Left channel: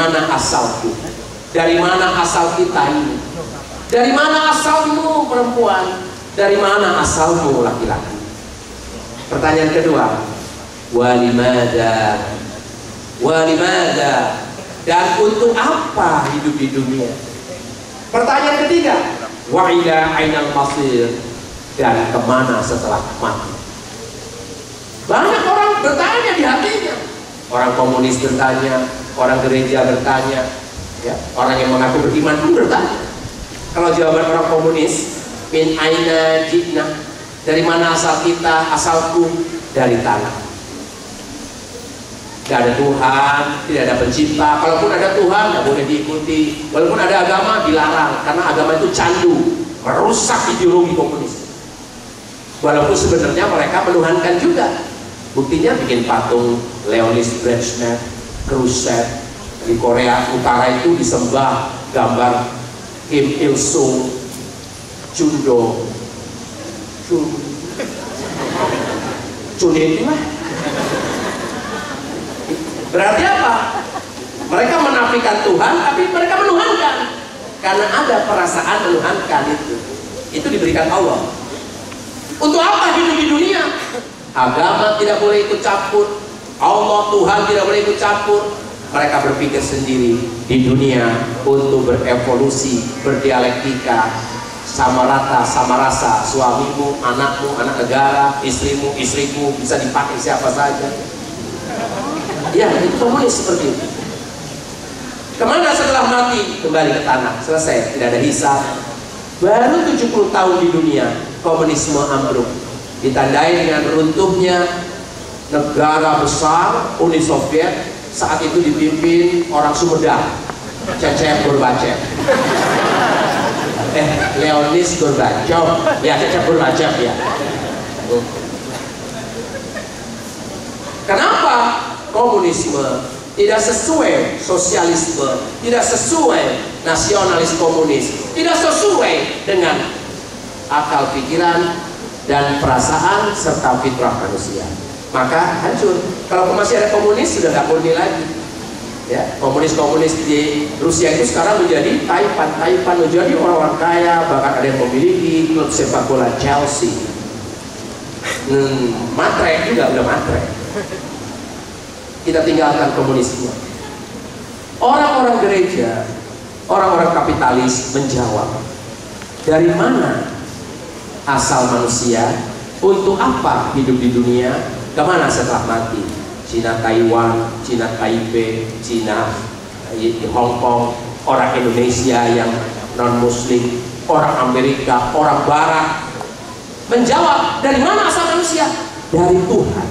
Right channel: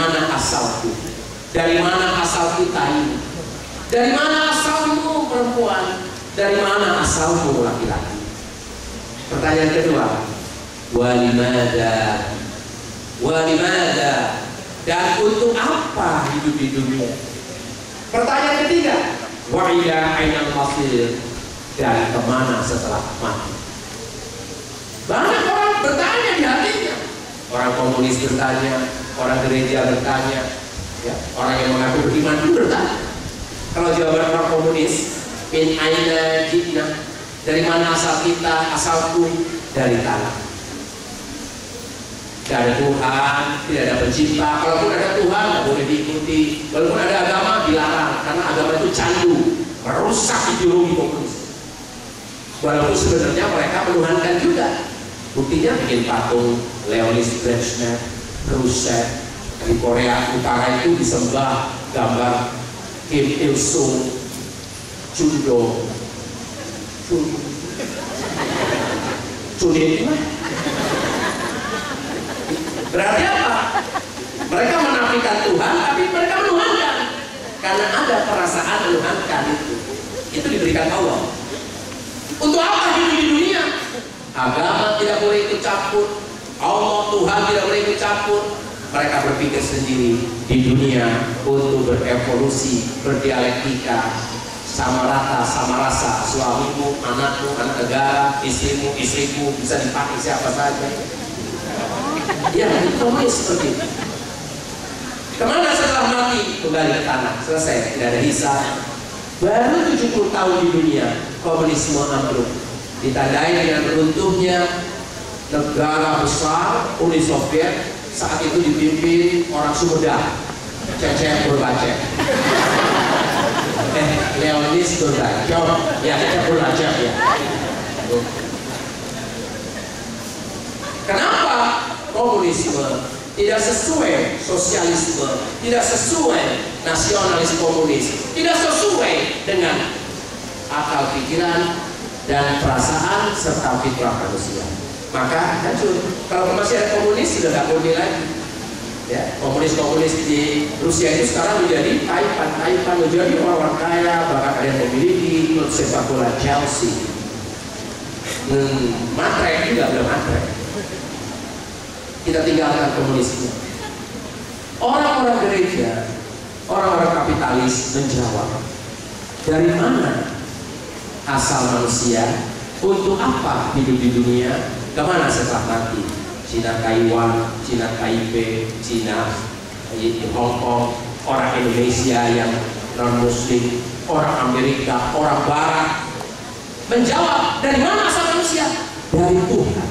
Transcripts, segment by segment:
mana asalku? Dari mana asal kita ini? Dari mana asalmu perempuan? Dari mana asalmu laki-laki? Pertanyaan kedua, walimada? Walimada? Dan untuk apa hidup di dunia? Pertanyaan ketiga, wa ila ainal masir? Dan kemana setelah mati? Banyak orang bertanya di hatinya. Orang komunis bertanya, orang gereja bertanya, ya, orang yang mengaku beriman pun bertanya. Kalau jawaban orang komunis, min aina jitna, dari mana asal kita? Asalku dari tanah. Tidak ada Tuhan, tidak ada pencipta. Kalaupun ada Tuhan, tidak boleh diikuti. Walaupun ada agama, dilarang, karena agama itu candu, merusak ideologi komunis. Walaupun sebenarnya mereka menuhankan juga. Buktinya bikin patung Leonid Brezhnev, Khrushchev. Di Korea Utara itu disembah gambar Kim Il Sung, Chun Do, Chun itu lah. Berarti apa? Mereka menafikan Tuhan, tapi mereka menuhankan. Karena ada perasaan menuhankan itu. Itu diberikan Allah. Untuk apa hidup di dunia? Agama tidak boleh ikut campur, Allah Tuhan tidak boleh ikut campur. Mereka berpikir sendiri di dunia untuk berevolusi, berdialektika, sama rata, sama rasa. Suamimu, anakmu, anak negara, istrimu, istriku bisa dipakai siapa saja. Ya, itu komunis seperti itu. Kemana setelah mati? Kembali ke tanah. Selesai, tidak ada hisab. Baru 70 tahun di dunia komunisme ambruk, ditandai dengan runtuhnya negara besar Uni Soviet. Saat itu dipimpin orang Sumedang, Cecep Gorbachev. Leonid Gorbachev, ya Cecep Gorbachev ya. Kenapa komunisme tidak sesuai sosialisme, tidak sesuai nasionalis komunis, tidak sesuai dengan akal pikiran dan perasaan serta fitrah manusia? Maka hancur. Kalau masih ada komunis sudah nggak murni lagi. Ya, komunis-komunis di Rusia itu sekarang menjadi taipan menjadi orang-orang kaya, bahkan ada yang memiliki klub sepak bola Chelsea. Matre juga udah matre. Kita tinggalkan komunisnya. Orang-orang gereja, orang-orang kapitalis menjawab, dari mana asal manusia? Untuk apa hidup di dunia? Kemana setelah mati? Cina Taiwan, Cina Taipei, Cina Hong Kong, orang Indonesia yang non Muslim, orang Amerika, orang Barat menjawab, dari mana asal manusia? Dari Tuhan.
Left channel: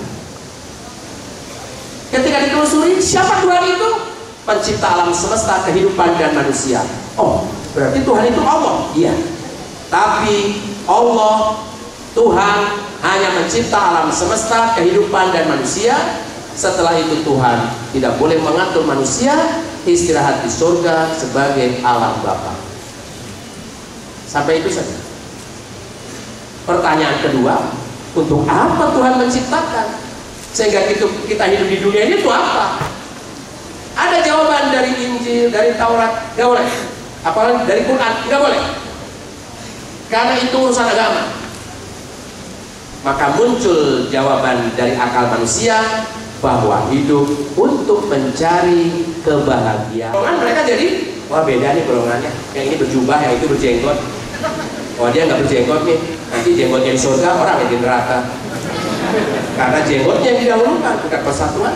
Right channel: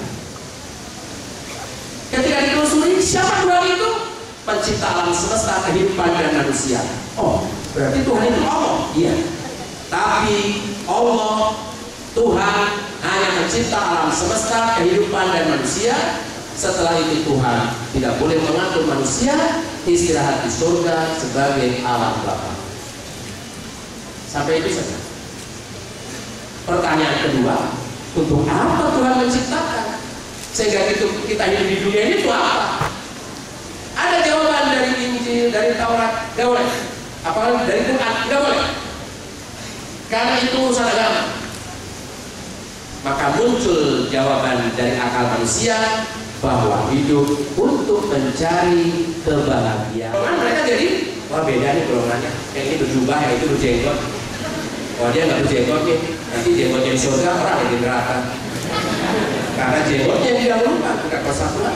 Ketika ditelusuri, siapa Tuhan itu? Pencipta alam semesta, kehidupan dan manusia. Oh, berarti Tuhan itu Allah. Iya. Tapi Allah, Tuhan hanya mencipta alam semesta, kehidupan dan manusia. Setelah itu Tuhan tidak boleh mengatur manusia istirahat di surga sebagai alam Bapa. Sampai itu saja. Pertanyaan kedua, untuk apa Tuhan menciptakan? Sehingga kita hidup di dunia ini itu apa? Ada jawaban dari Injil, dari Taurat, nggak boleh. Apalagi dari Quran, nggak boleh. Karena itu urusan agama. Maka muncul jawaban dari akal manusia bahwa hidup untuk mencari kebahagiaan. Mereka jadi, wah beda nih golongannya. Yang ini berjubah, yang itu berjenggot. Wah dia nggak berjenggot nih, nanti jenggotnya di surga, orang yang di neraka. Karena jenggotnya yang didahulukan, bukan persatuan.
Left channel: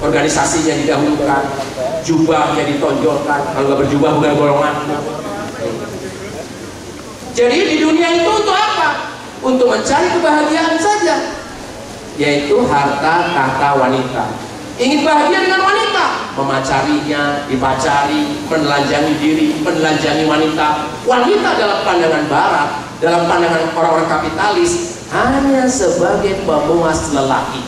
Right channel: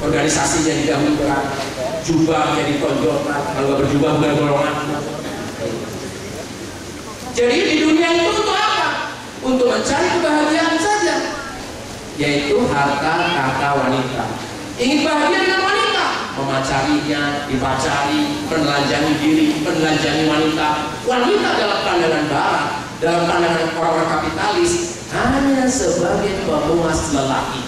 Organisasinya didahulukan, jubahnya ditonjolkan. Kalau nggak berjubah bukan golongan. Jadi di dunia itu untuk apa? Untuk mencari kebahagiaan saja, yaitu harta, tahta, wanita. Ingin bahagia dengan wanita, memacarinya, dipacari, menelanjangi diri, menelanjangi wanita. Wanita dalam pandangan barat, dalam pandangan orang-orang kapitalis, hanya sebagai pemuas lelaki.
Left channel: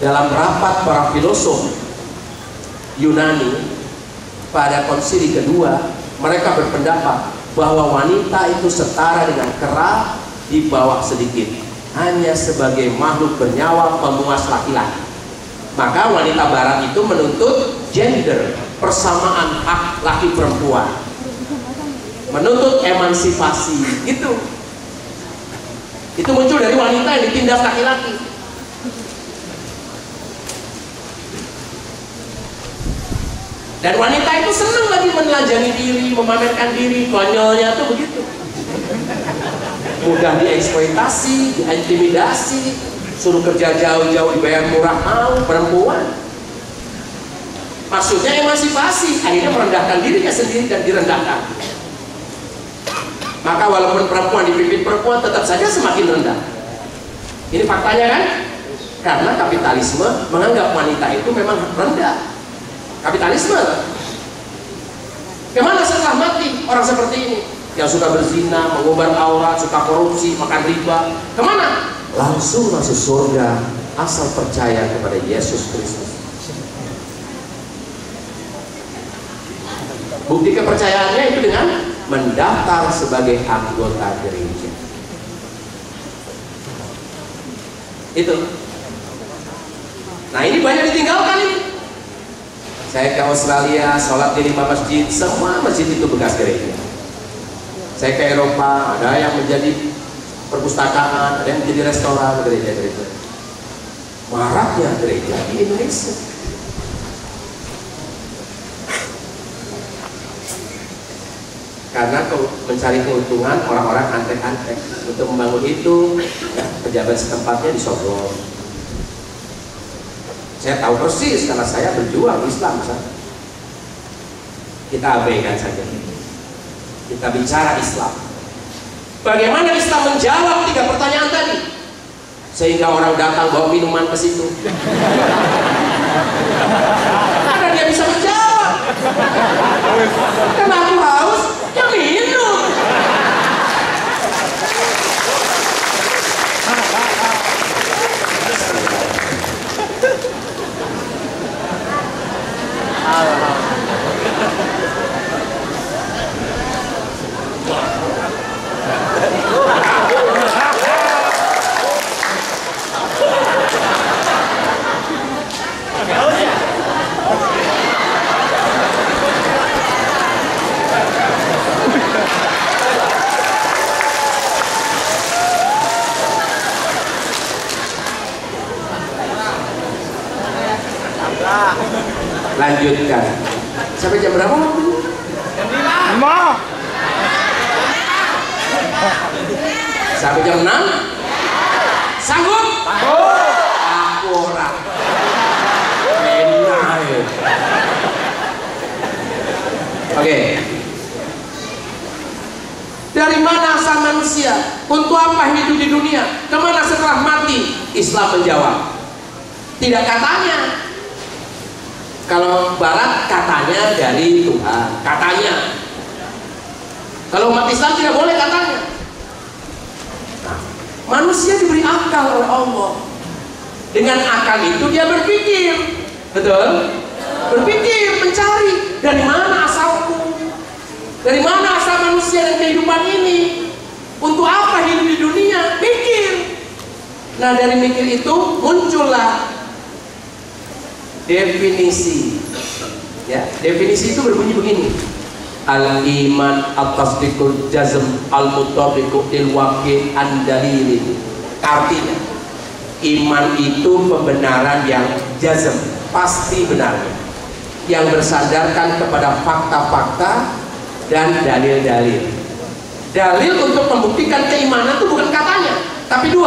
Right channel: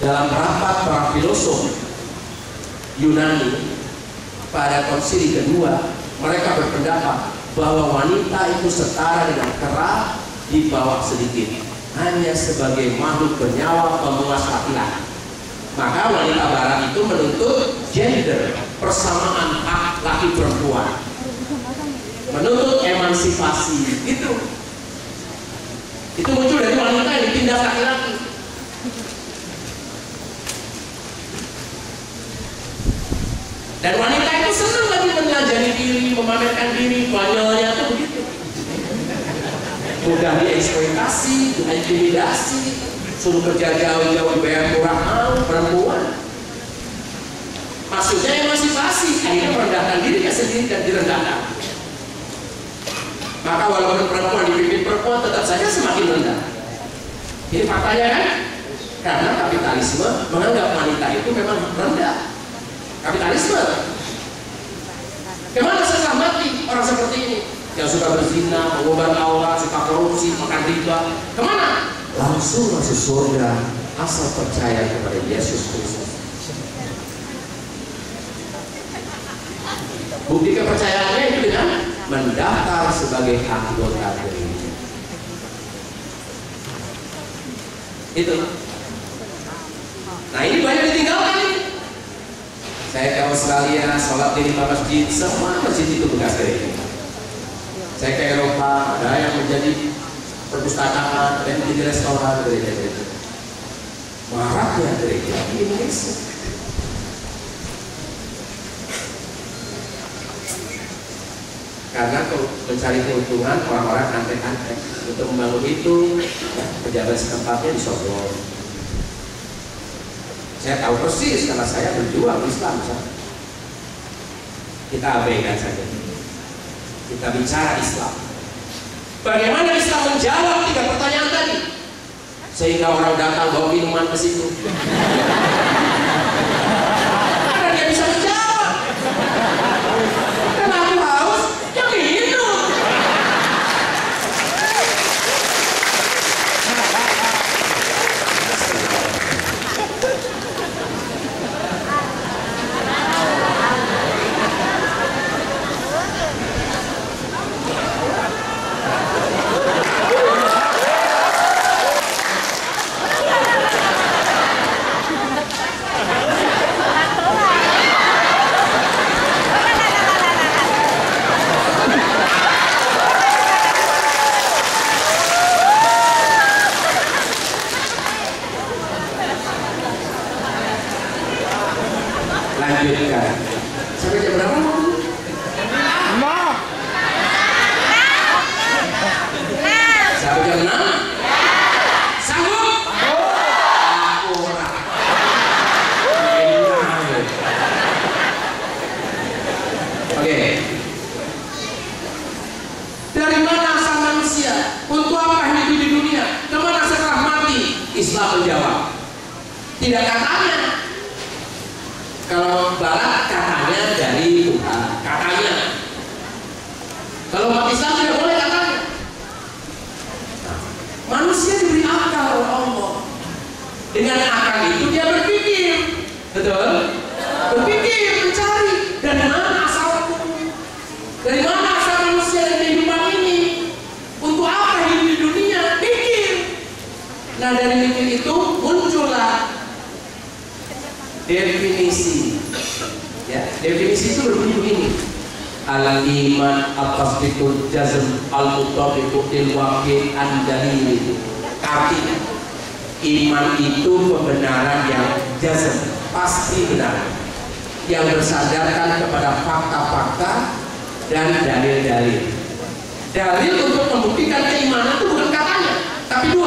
Dalam rapat para filosof Yunani pada konsili kedua, mereka berpendapat bahwa wanita itu setara dengan kera di bawah sedikit. hanya sebagai makhluk bernyawa pemuas laki-laki. Maka wanita barat itu menuntut gender, persamaan hak laki perempuan, menuntut emansipasi. Itu muncul dari wanita yang ditindas laki-laki. Dan wanita itu senang lagi menelanjangi diri, memamerkan diri. Konyolnya tuh begitu. Mudah dieksploitasi, diintimidasi, suruh kerja jauh-jauh dibayar murah, mau perempuan. Maksudnya emansipasi, akhirnya merendahkan dirinya sendiri dan direndahkan. Maka walaupun perempuan dipimpin perempuan, tetap saja semakin rendah. Ini faktanya kan? Karena kapitalisme menganggap wanita itu memang rendah. Kapitalisme. Kemana setelah mati orang seperti ini? Yang suka berzina, mengumbar aurat, suka korupsi, makan riba. Kemana? Langsung masuk surga asal percaya kepada Yesus Kristus. Bukti kepercayaannya itu dengan mendaftar sebagai anggota gereja. Itu. Nah ini banyak ditinggalkan ini. Saya ke Australia, sholat di 5 masjid, semua masjid itu bekas gereja. Saya ke Eropa, ada yang menjadi perpustakaan, ada yang menjadi restoran gereja-gereja. Maraknya gereja di Indonesia. Karena mencari keuntungan orang-orang antek-antek untuk membangun itu, ya, pejabat setempatnya disogok. Saya tahu persis karena saya berjuang Islam. Kita abaikan saja. Kita bicara Islam. Bagaimana Islam menjawab 3 pertanyaan tadi? Sehingga orang datang bawa minuman ke situ. Karena dia bisa menjawab. Karena aku haus, ya minum. Lanjutkan. Sampai jam berapa? Jam 5. Sampai jam 6? Sanggup? Aku orang. Oke. Dari mana asal manusia? Untuk apa hidup di dunia? Kemana setelah mati? Islam menjawab. Tidak katanya. Kalau Barat katanya dari Tuhan, katanya. Kalau umat Islam tidak boleh katanya. Nah, manusia diberi akal oleh Allah. Dengan akal itu dia berpikir, betul? Berpikir, mencari dari mana asalku, dari mana asal manusia dan kehidupan ini, untuk apa hidup di dunia, mikir. Nah dari mikir itu muncullah definisi. Ya, definisi itu berbunyi begini: al-iman at-tasdiqul jazm al-mutabiqu lil waqi' an-dalil. Artinya, iman itu pembenaran yang jazm, pasti benar, yang bersandarkan kepada fakta-fakta dan dalil-dalil. Dalil untuk membuktikan keimanan itu bukan katanya, tapi 2,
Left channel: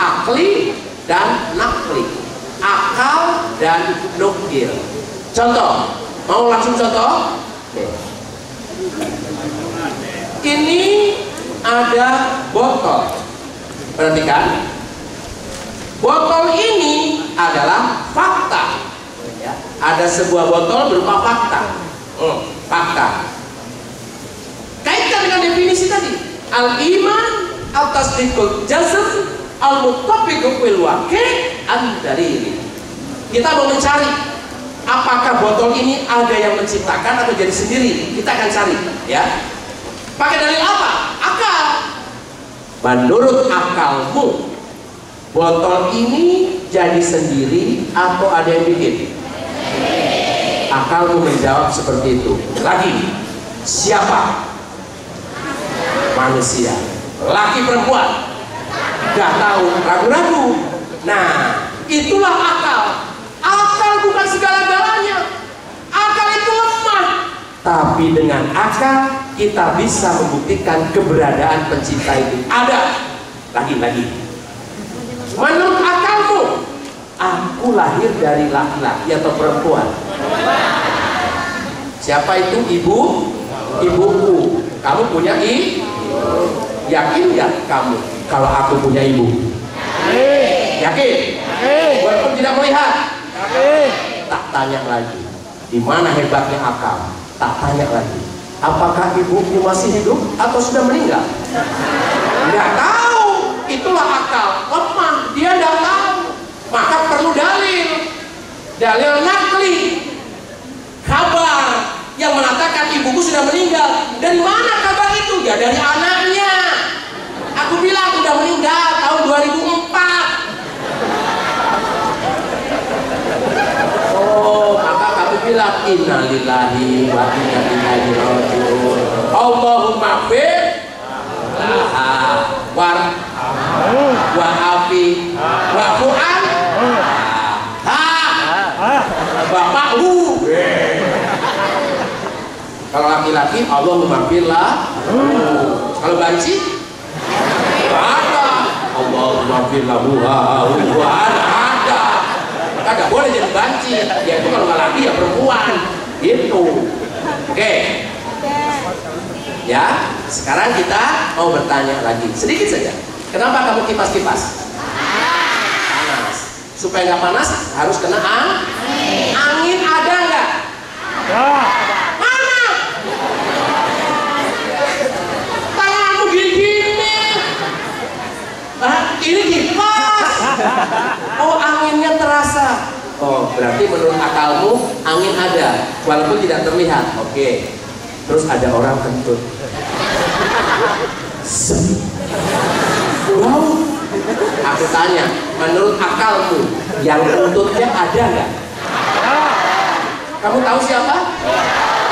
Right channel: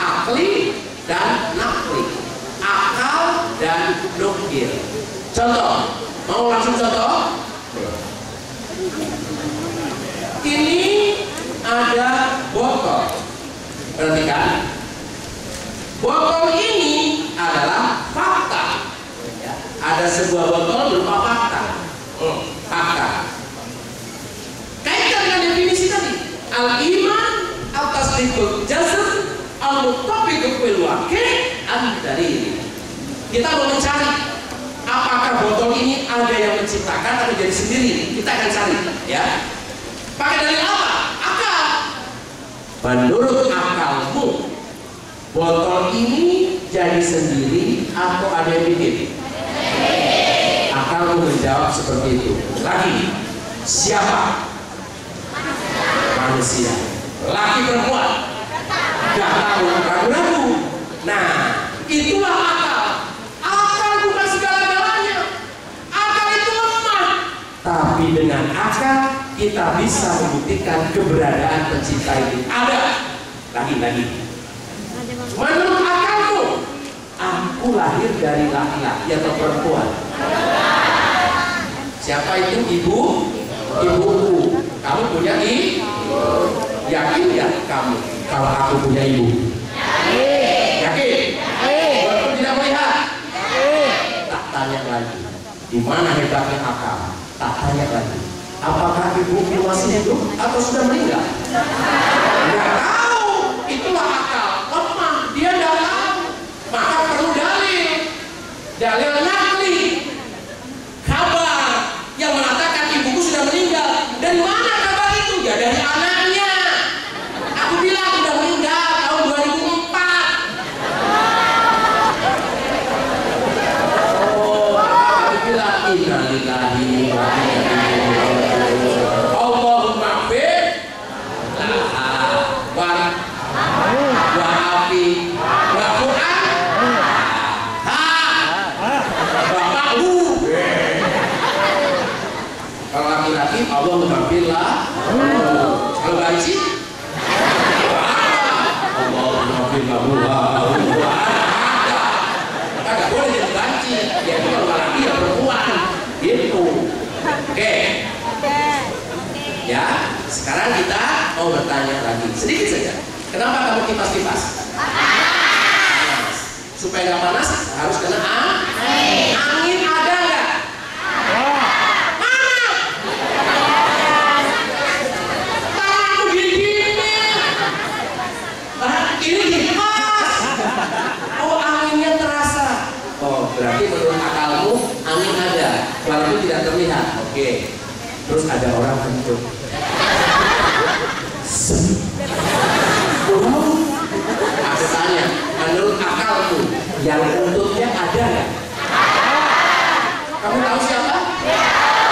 akli dan nakli. Akal dan nukil. Contoh, mau langsung contoh? Ini ada botol. Perhatikan, botol ini adalah fakta. Ya, ada sebuah botol berupa fakta. Fakta. Kaitkan dengan definisi tadi. Al-iman al-tasdiqul jazm al-mutabiqu bil waqi' an-dalil. Kita mau mencari apakah botol ini ada yang menciptakan atau jadi sendiri. Kita akan cari, ya. Pakai dalil apa? Akal. Menurut akalmu, Botol ini jadi sendiri atau ada yang bikin? Akalmu menjawab seperti itu. Lagi, siapa? Manusia. Laki perempuan? Gak tahu, ragu-ragu. Nah, itulah akal. Akal bukan segala-galanya. Akal itu lemah. Tapi dengan akal kita bisa membuktikan keberadaan pencipta itu. Ada. Lagi. Menurut akalmu, aku lahir dari laki-laki atau perempuan? Siapa itu? Ibuku. Kamu punya ibu? Yakin nggak kamu kalau aku punya ibu? Yakin? Walaupun tidak melihat? Tak tanya lagi. Di mana hebatnya akal? Tak tanya lagi. Apakah ibumu masih hidup atau sudah meninggal? Nggak tahu. Itulah akal. Lemah. Dia nggak tahu. Maka perlu dalil. Dalil nakli. Kabar yang mengatakan ibuku sudah meninggal. Dari mana kabar itu? Ya dari anaknya. Aku bilang sudah meninggal tahun 2004. Oh, maka aku bilang innalillahi wa inna ilaihi raji'un. Allahumma fir laha wa afi wa fu'an bapakku. Kalau laki-laki Allahumma fir lah. Kalau banci Allahumma fir lahu ada. Kagak boleh jadi banci. Ya itu kalau laki ya perempuan. Gitu. Oke. Ya, sekarang kita mau bertanya lagi. Sedikit saja. Kenapa kamu kipas-kipas? Panas. Supaya nggak panas harus kena angin. Angin ada nggak? Mana? Tanganmu gini-gini. Ini kipas. Oh, anginnya terasa. Oh, berarti menurut akalmu angin ada, walaupun tidak terlihat. Oke. Terus ada orang kentut. Wow. Aku tanya, menurut akalmu yang kentutnya ada nggak? Kamu tahu siapa?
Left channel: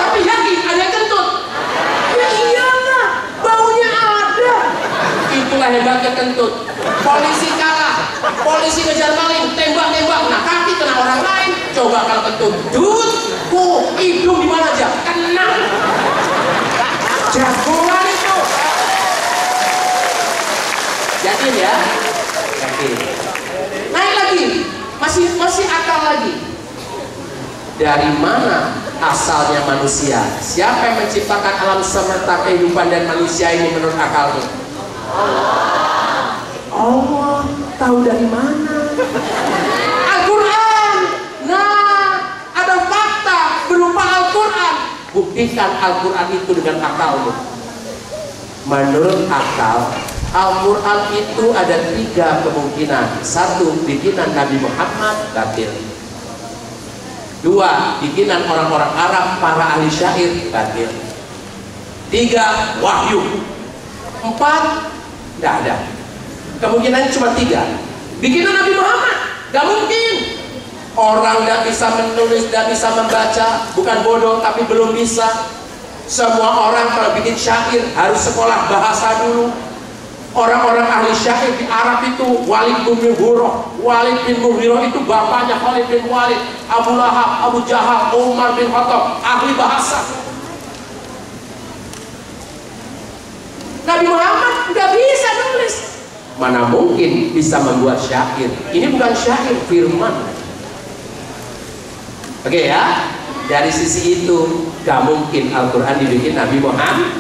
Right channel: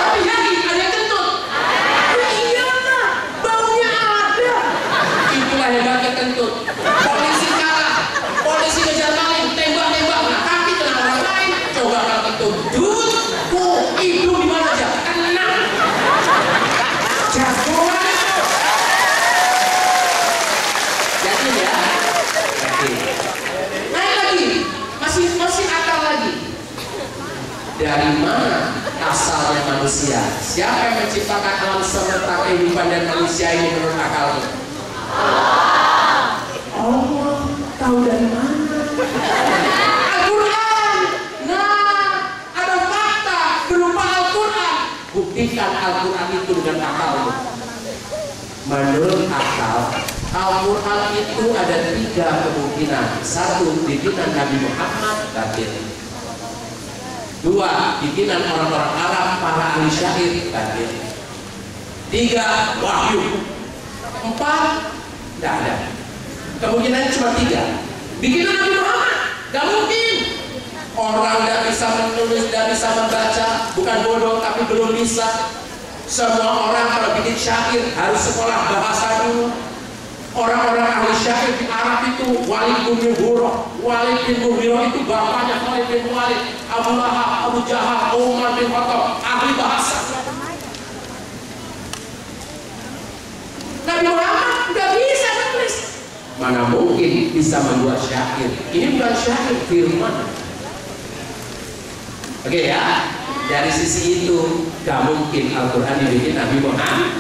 Tapi yakin ada kentut? Ya iyalah, baunya ada. Itulah hebatnya kentut. Polisi kalah, polisi ngejar maling, tembak-tembak, nah kaki kena orang lain. Coba kalau kentut, hidung di mana aja? Kena. Jagoan itu. Yakin ya? Yakin. Naik lagi, masih akal lagi. Dari mana asalnya manusia? Siapa yang menciptakan alam semesta kehidupan dan manusia ini menurut akalmu? Allah. Tahu dari mana? Al-Quran. Nah, ada fakta berupa Al-Quran. Buktikan Al-Quran itu dengan akalmu. Menurut akal, Al-Quran itu ada 3 kemungkinan. 1, bikinan Nabi Muhammad, batil. 2, bikinan orang-orang Arab, para ahli syair, batil. 3, wahyu. 4, tidak ada. Kemungkinannya cuma 3. Bikinan Nabi Muhammad, gak mungkin. Orang gak bisa menulis, gak bisa membaca. Bukan bodoh, tapi belum bisa. Semua orang kalau bikin syair harus sekolah bahasa dulu. Orang-orang ahli syair di Arab itu Walid bin Mughirah. Walid bin Mughirah itu bapaknya Khalid bin Walid, Abu Lahab, Abu Jahal, Umar bin Khattab, ahli bahasa. Nabi Muhammad nggak bisa nulis. Mana mungkin bisa membuat syair? Ini bukan syair, firman. Oke ya, dari sisi itu gak mungkin Al-Quran dibikin Nabi Muhammad.